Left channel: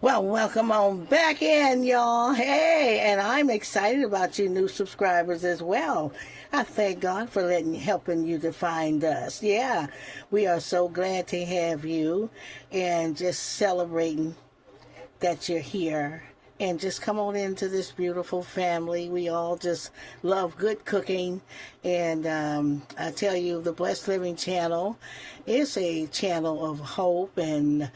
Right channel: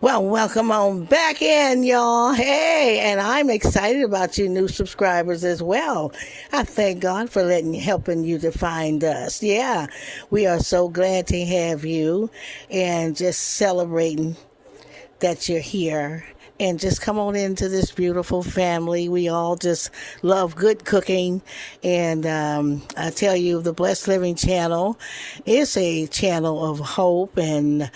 Well, welcome on back in, y'all. Hey, and I'm excited about you new subscribers as well. I thank God for helping you to find us. Yeah, we are so glad to have you and just celebrating that you're here. And just come on into this beautiful family. We all just love good cooking. And I tell you, the Blessed Living channel is a channel of hope and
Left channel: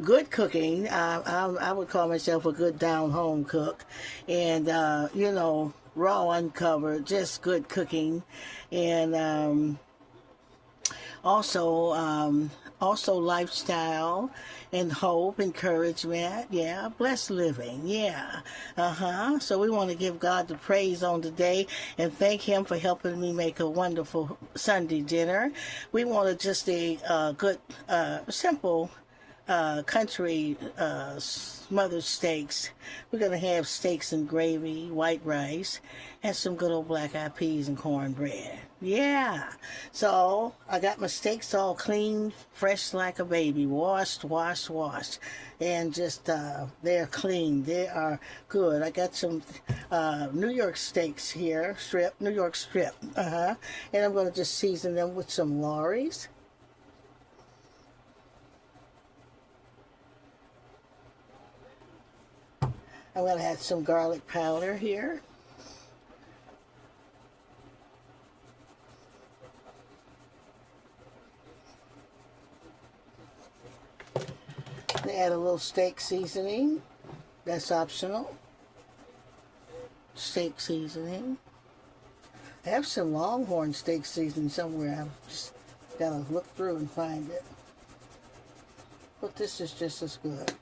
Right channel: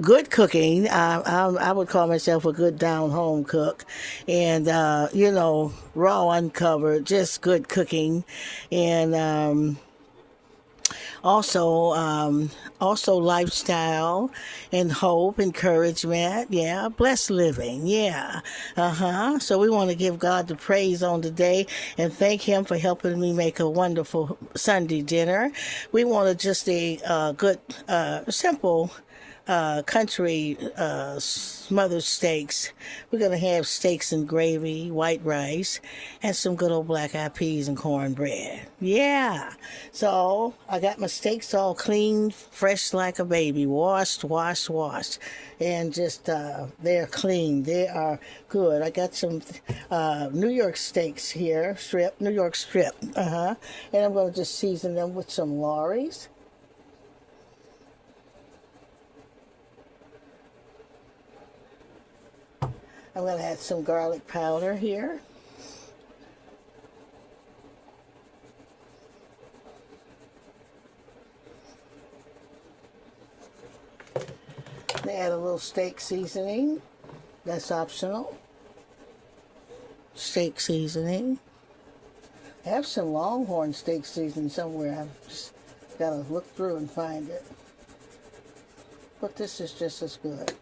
good cooking. I would call myself a good down home cook. And, raw, uncovered, just good cooking. And, also also lifestyle and hope, encouragement, yeah, blessed living, yeah, so we want to give God the praise on today and thank him for helping me make a wonderful Sunday dinner. We want to just a good simple country smothered steaks. We're going to have steaks and gravy, white rice, and some good old black eyed peas and cornbread. Yeah. So I got my steaks all clean, fresh like a baby, washed. And just, they're clean. They are good. I got some New York steaks here, New York strip. And I'm going to just season them with some Lawry's. I'm going to add some garlic powder here. Add a little steak seasoning. That's optional. Steak seasoning. I have some Longhorn steak seasoning somewhere. I've just got to look through and find it. But this is just as good.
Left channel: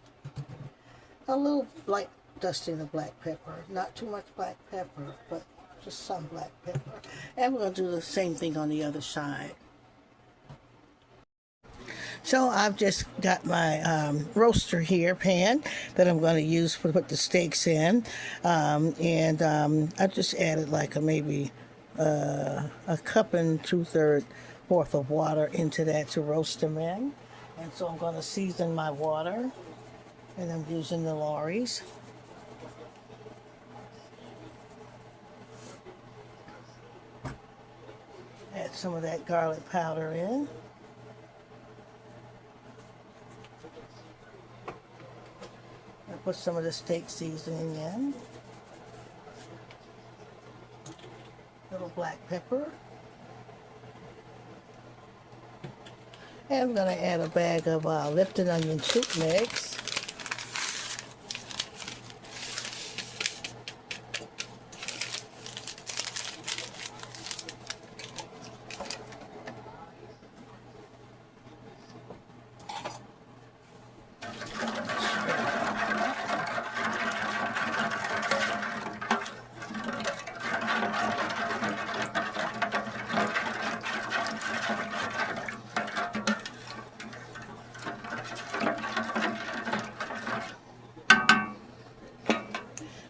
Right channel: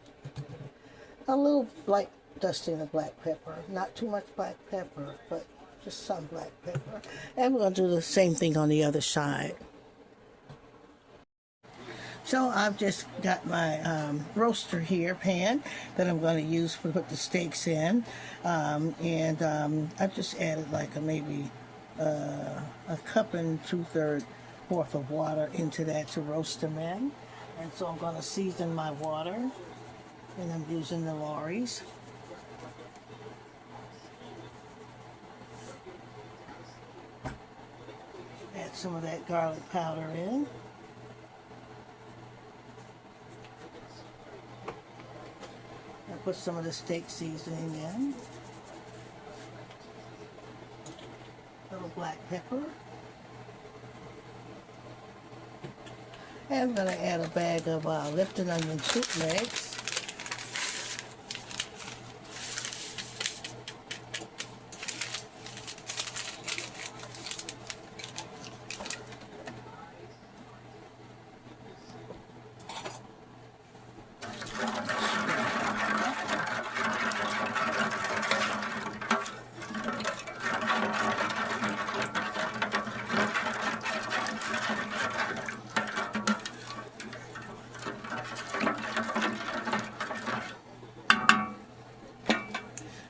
A little light dusting of black pepper. Not too much black pepper, but just some black pepper. And we're going to do the same thing on the other side. So I've just got my roaster here, pan, that I'm going to use to put the steaks in. I've just added like maybe a cup and 2/3 worth of water into that to roast them in. And so I'm going to season my water. And I'm using the Lawry's. Add some of that garlic powder in. And put some of the steak seasoning in. A little black pepper. And I'm going to add a bag of Lipton onion soup mix.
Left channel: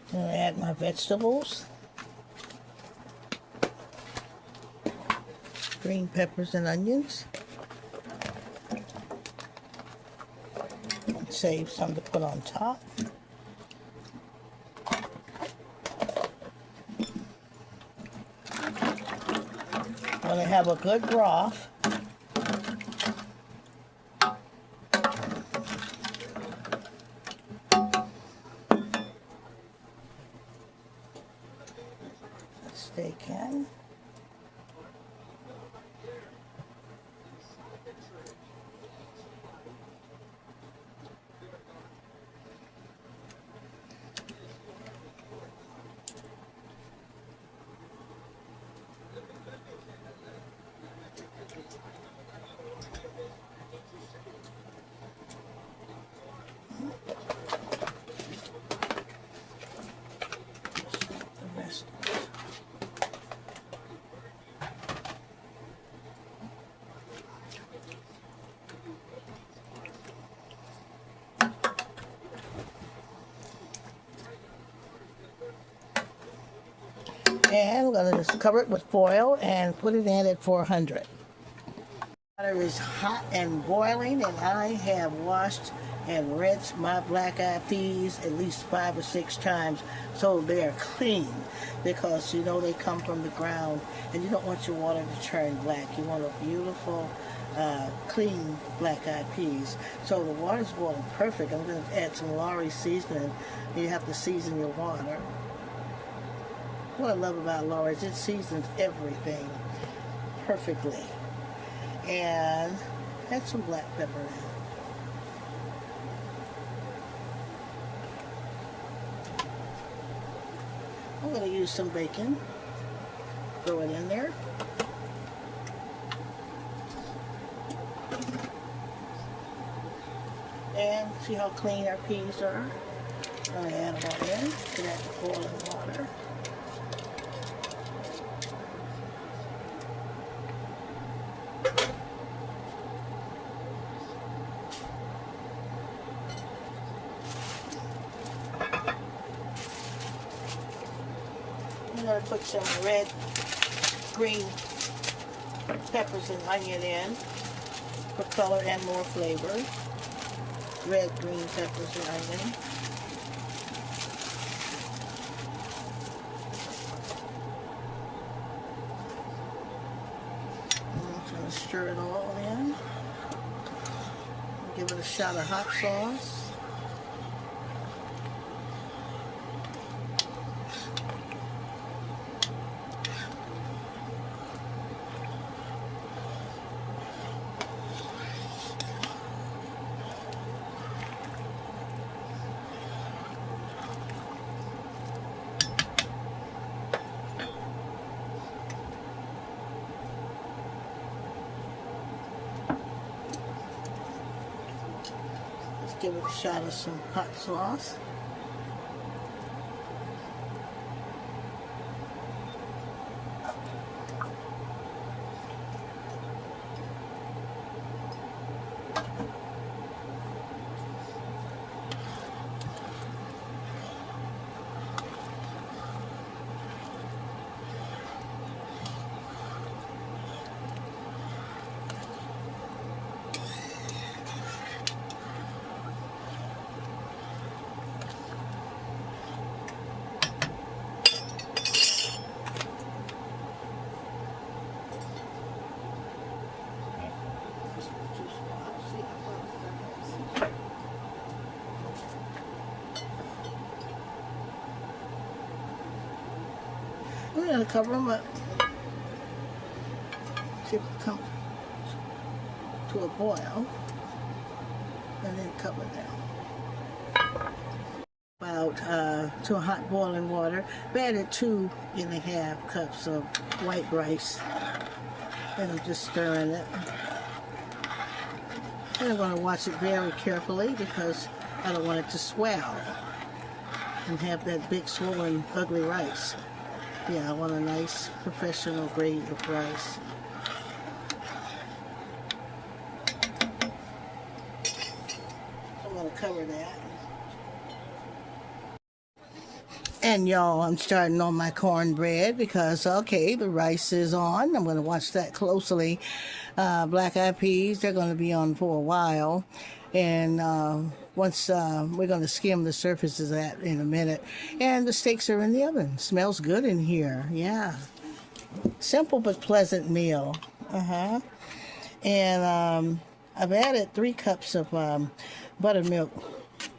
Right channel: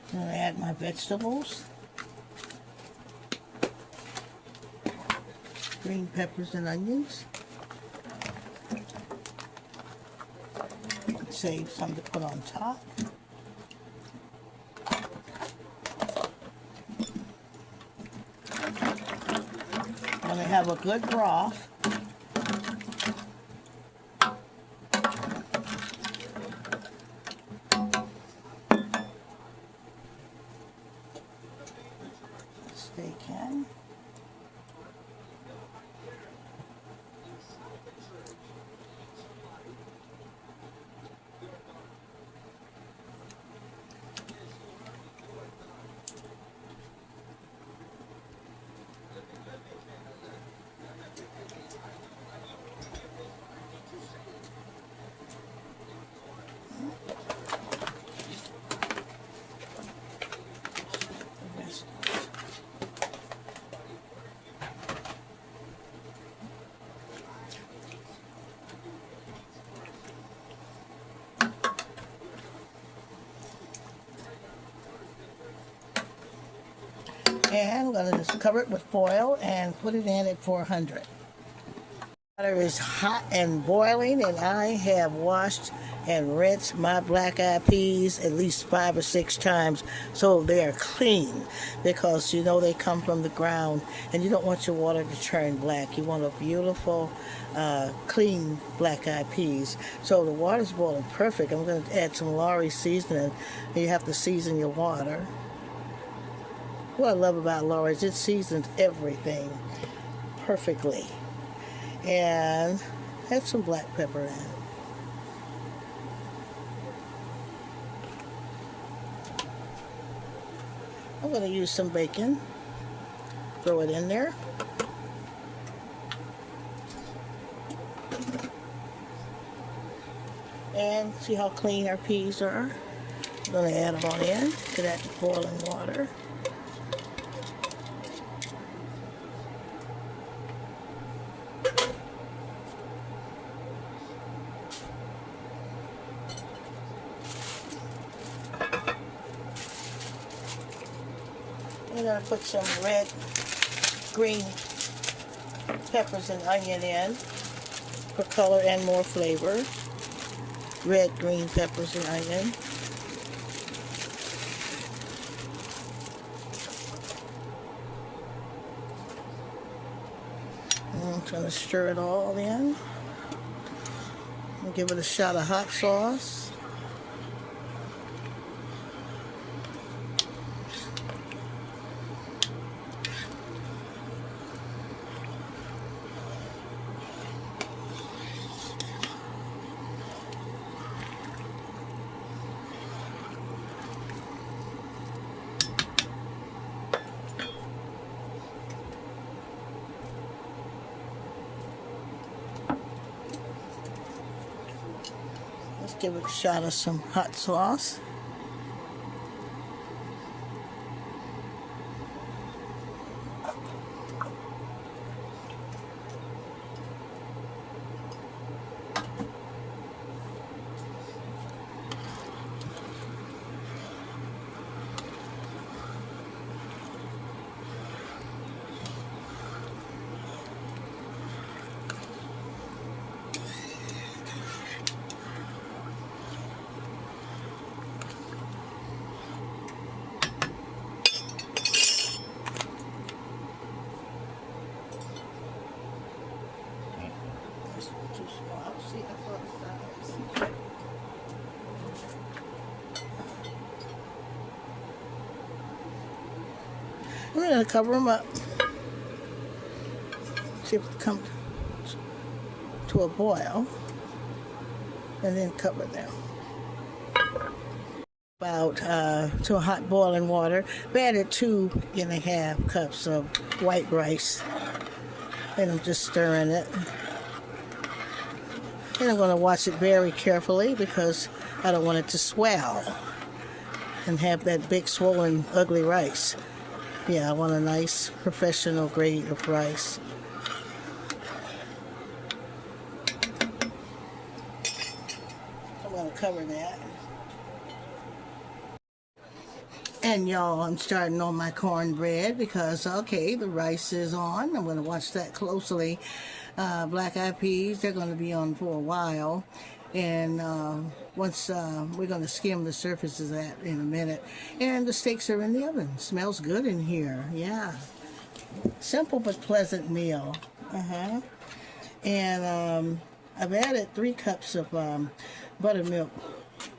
I'm going to add my vegetables, green peppers and onions. Save some to put on top. I'm going to have a good broth. Steak in. And I'm going to just cover it with foil and put it in at 400. Water is hot and boiling, and I have washed and rinse my black eyed peas at least 5 or 6 times so they're clean, because you know they come from the ground and you don't want your water to turn black. You want a beautiful clean black eyed peas. So the water's boiling perfect. I'm going to add some Lawry seasoning. You have to season your water. What I love about Lawry is it seasons everything perfectly. And add some black pepper in. I'm going to use some bacon. Throw it in there. And see how clean our peas are? I'm going to add them all in to that boiling water. I'm going to put some red, green peppers and onion in for color and more flavor. Red, green peppers and onion. And I'm trying to stir it all in. I'll give it a shot of hot sauce. Give it a shot of some hot sauce. I'm going to cover them up. See if it comes to a boil. And then cover them. About to hot boiling water. I added 2½ cups of white rice. And I'm just stirring it. And I'm going to wash it very carefully because I don't want it to swell and have that big swollen ugly rice. Yeah, I want a nice professional grade of rice. I'm going to cover that. And y'all, I'm starting on my cornbread because, okay, the rice is on. I'm going to watch that closely. Black eyed peas, they're going to be on for a while. And once we're going to skim the surfaces of that in a minute. And the steaks are in the oven. Smells good in here. Yeah. Simple but pleasant meal. And I've added 3 cups of buttermilk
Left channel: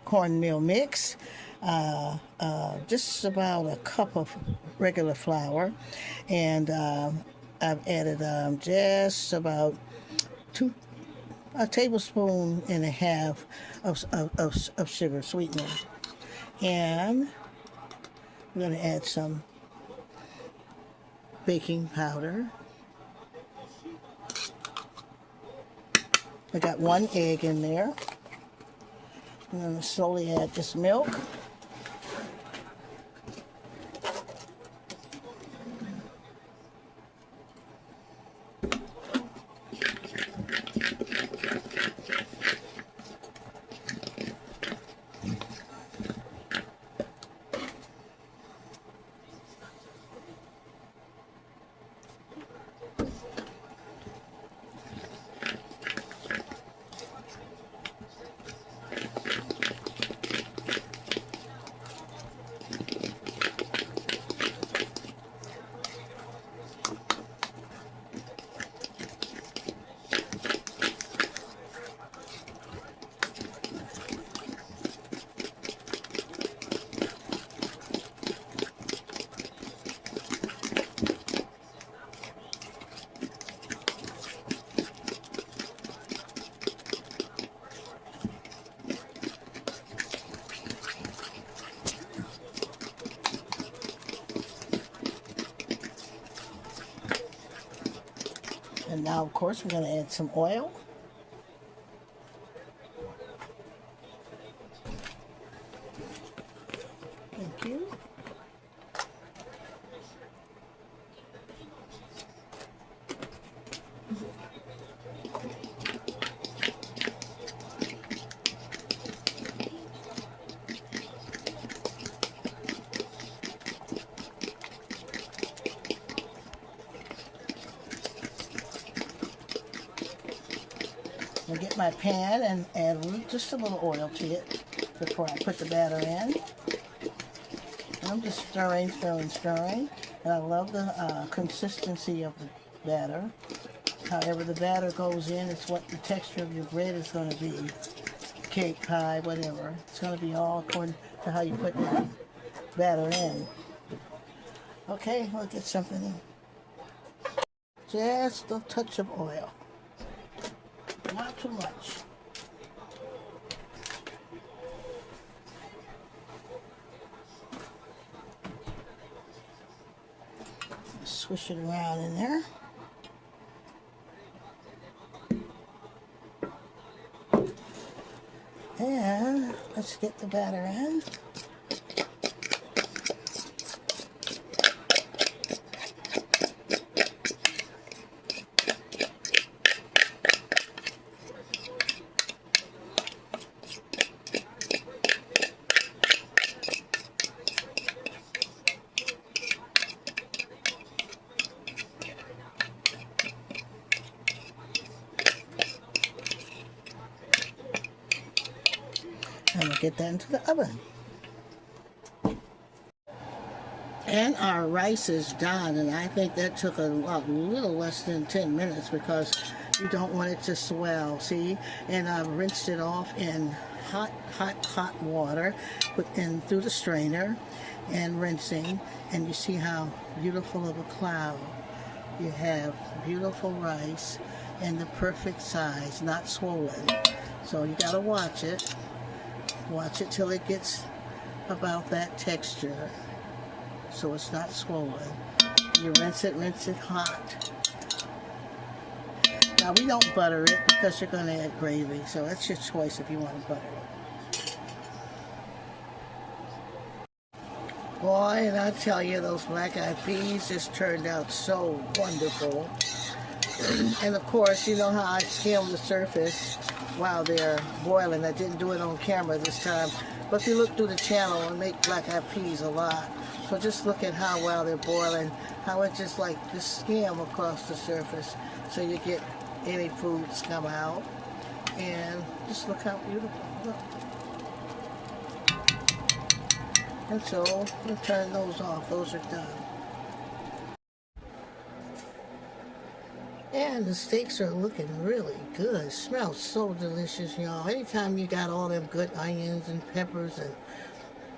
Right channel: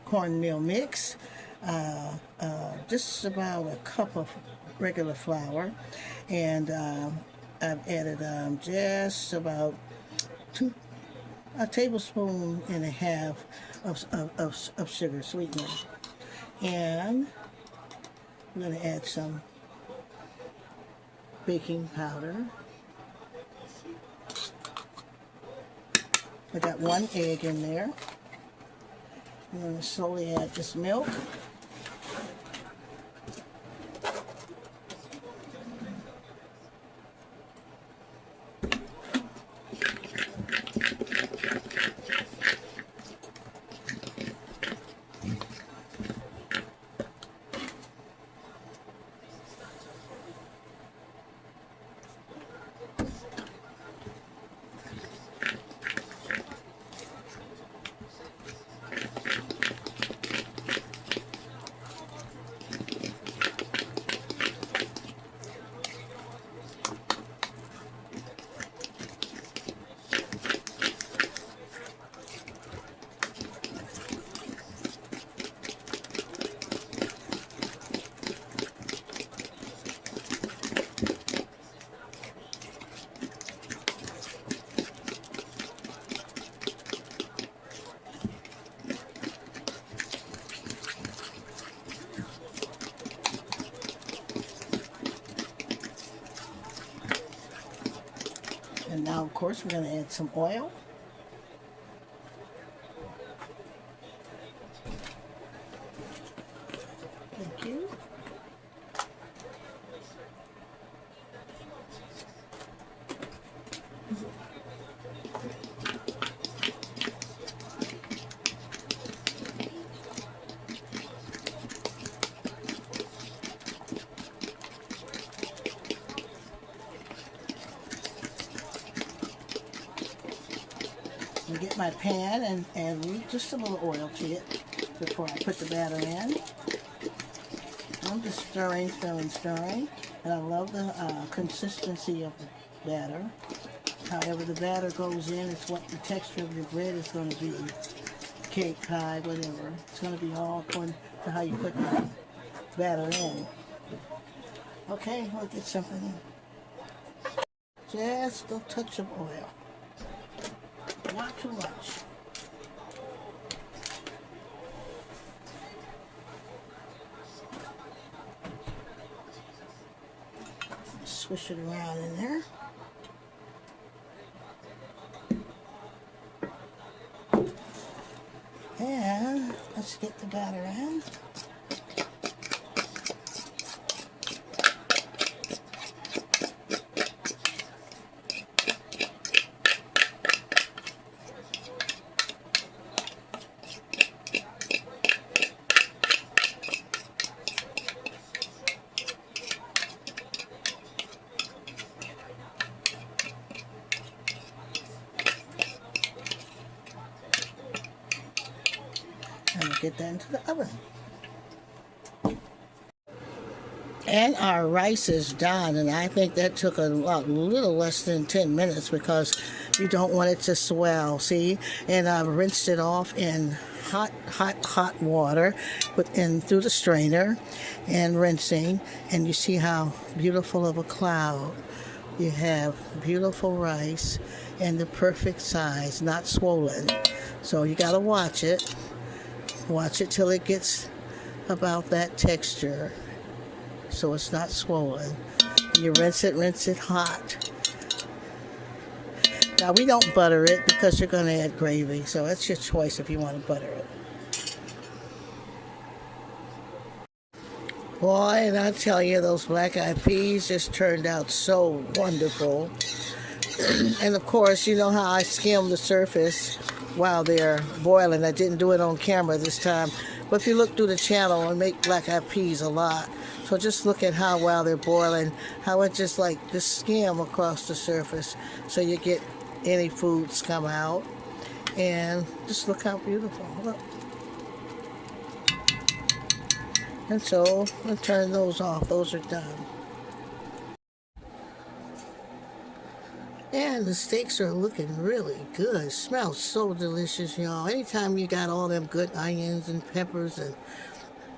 cornmeal mix. Just about a cup of regular flour. And I've added just about a tablespoon and a half of sugar sweetener. And I'm going to add some baking powder. I got 1 egg in there. I'm going to slowly add this milk. And now, of course, we're going to add some oil. Thank you. I get my pan and add just a little oil to it before I put the batter in. I'm just stirring. And I love the consistency of the batter. However the batter goes in, it's what the texture of your bread is going to be. Cake, pie, whatever. It's going to be all according to how you put the batter in. Okay, we'll get something in. Just a touch of oil. Not too much. Swish it around in there. And let's get the batter in. And we'll get that into the oven. And our rice is done, and I think that took a little less than 10 minutes because you don't want it to swell, see? And I've rinsed it off in hot water through the strainer and rinsing, and you see how beautiful of a cloud. You have beautiful rice and the perfect size, not swollen. So you gotta watch it. Watch it till it gets about that texture, so it's not swollen. You rinse it hot. Now we don't butter it because you're going to add gravy, so that's your choice if you want to butter it. Boy, and I tell you, those black-eyed peas just turned out so wonderful. And of course, you know how I skim the surface while they're boiling. I didn't do it on camera this time, but if you look through the channel, I make black-eyed peas a lot. So just look at how while they're boiling, how it just skim across the surface, so you get any foods come out. And just look how beautiful. Look. And so we'll turn those off. Those are done. And the steaks are looking really good. It smells so delicious, y'all. Anytime you got all them good onions and peppers, and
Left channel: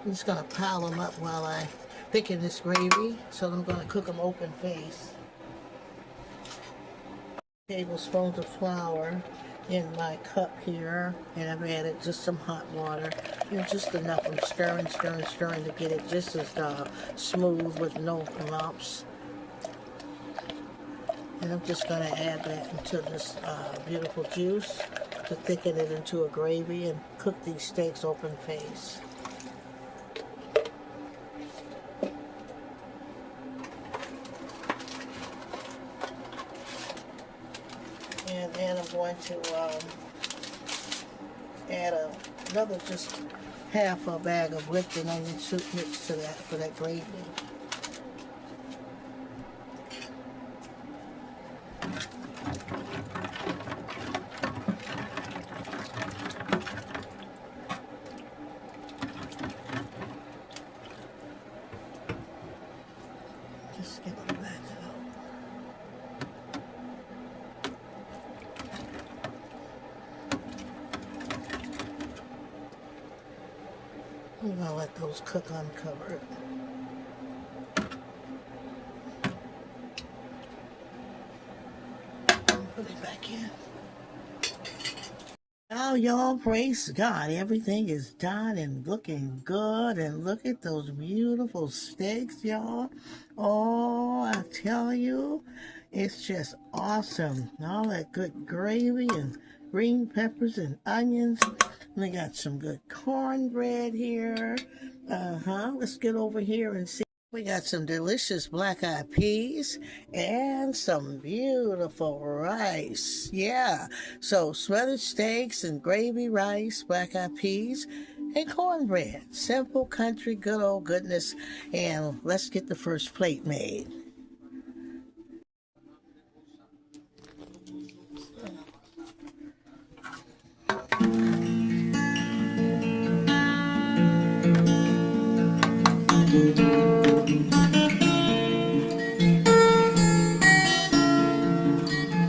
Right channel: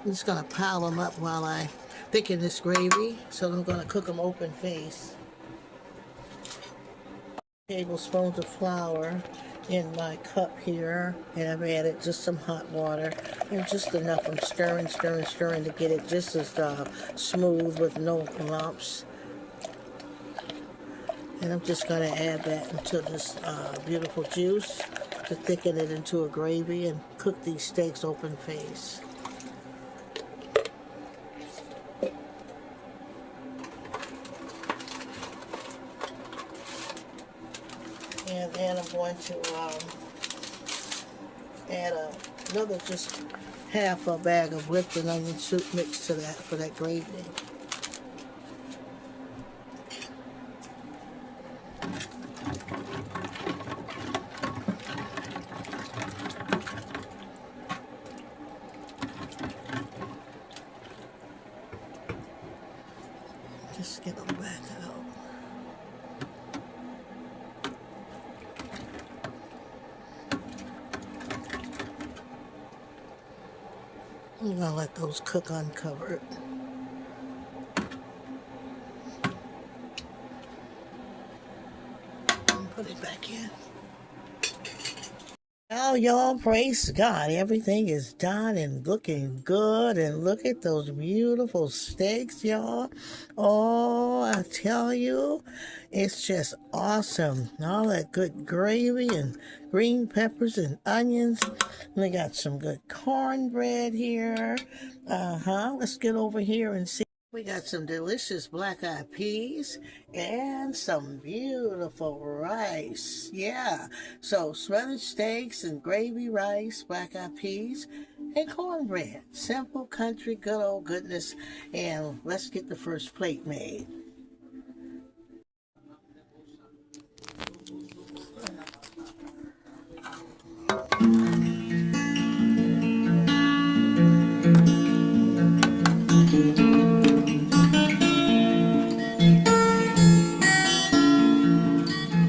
I'm just going to pile them up while I thicken this gravy. So I'm going to cook them open face. Tablespoons of flour in my cup here, and I've added just some hot water, and just enough. I'm stirring to get it just as smooth with no lumps. And I'm just going to add that into this beautiful juice to thicken it into a gravy and cook these steaks open face. And then I'm going to add another just half a bag of Lipton onion soup mixed to that for that gravy. Just get them back out. I'm going to let those cook uncovered. And put it back in. Well, y'all, praise God. Everything is done and looking good. And look at those beautiful steaks, y'all. Oh, I tell you, it's just awesome. All that good gravy and green peppers and onions. We got some good cornbread here. Let's get over here and see. We got some delicious black-eyed peas and some beautiful rice. Yeah. So smothered steaks and gravy rice, black-eyed peas, and cornbread. Simple country, good old goodness. And let's get the first plate made.